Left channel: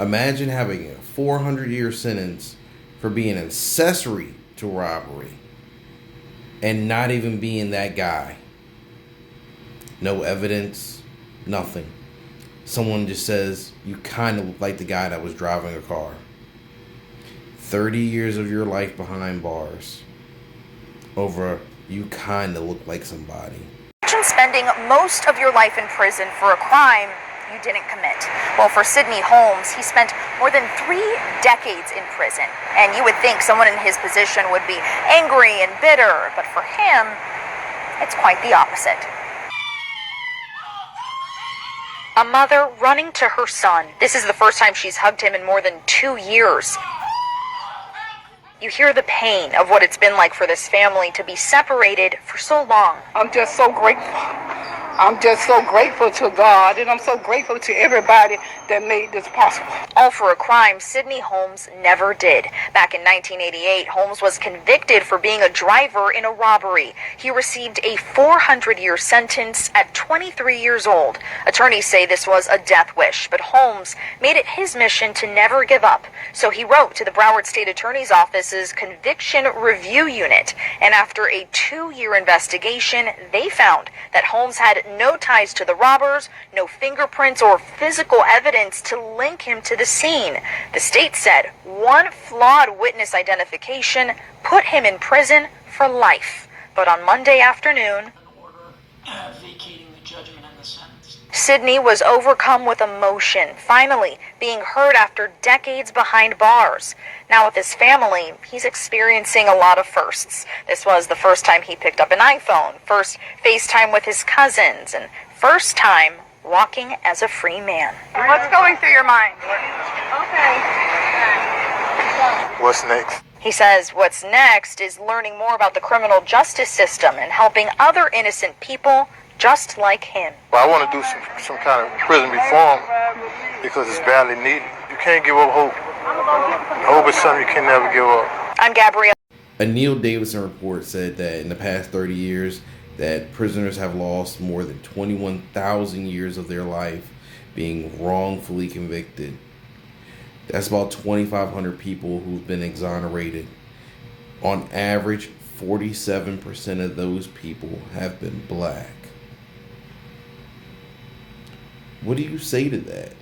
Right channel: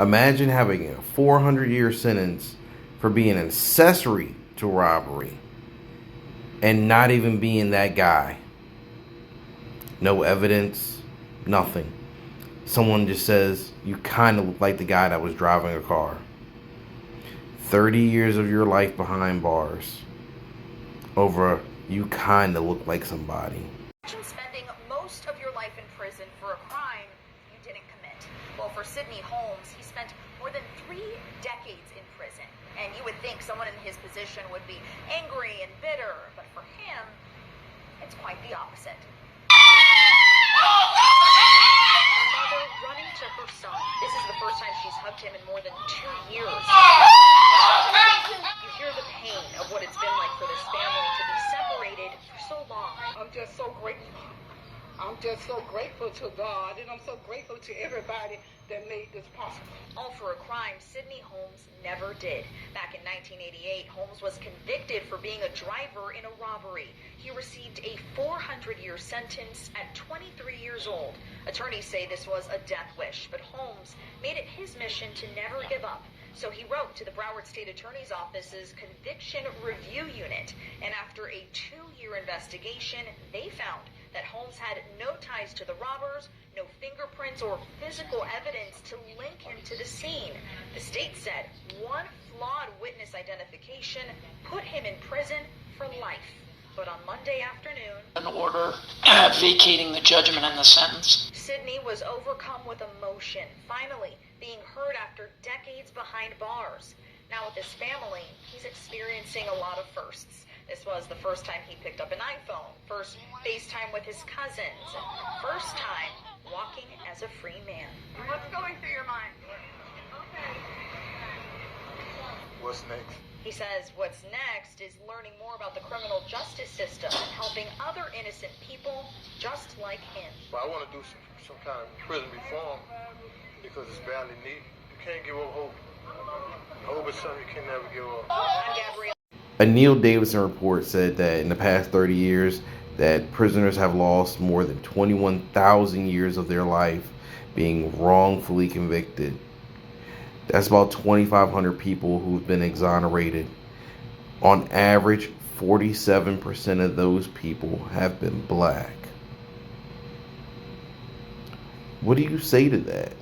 Imagine having a 400-year sentence for being an accessory to robbery and not even being that guy. No evidence, nothing. Someone just says, you kind of look like the guy that was driving a car. 30 years of your life behind bars over you kind of look like somebody. Imagine spending most of your life in prison for a crime you didn't commit. Well, for Sidney Holmes, he spent more than 3 decades in prison. And you would think someone in his position would be angry and bitter, but for him, it's quite the opposite. A mother running to her son. This is the first time she's hugged him in more than 2 years. You hear the pain of what it's been like for this family to be separated for so long. I'm just so grateful. I'm just so grateful to God, and I'm so grateful to everybody that made this possible. All for a crime Sidney Holmes never did. Back in 1988, Holmes was convicted for being a driver in a robbery. He received a 400-year sentence at 23 years old. Attorneys say this was a death wish, but Holmes made it his mission to never give up. So he wrote to the Broward State Attorney's Office's Conviction Review Unit, and after a 2-year investigation, they found that Holmes had no ties to the robbers, no fingerprints or physical evidence to link him to the scene. The state said one flawed witness identification put him in prison for life. But on Monday afternoon, an order vacating the judgment and the sentence. Sidney was overcome with emotion, finally being heard after decades behind bars. Now with his family, he's experiencing a lot of firsts. This was the first time he picked up an iPhone, first FaceTime with his cousins, and first time walking as a free man. What's going through your mind? What's next? He says what's next is learning more about the criminal justice system and helping other innocent people just like him. Well, I want to do some kind of prison reform because it's badly needed. You can't give up hope. Hope is something you can never give up. I'm Gabrielle. A Neil Davidson report said that in the past 30 years that prisoners have lost more than 21,000 years of their life being wrongfully convicted. That's about 2,500 people who've been exonerated. On average, 47% of those people have been black. What do you say to that?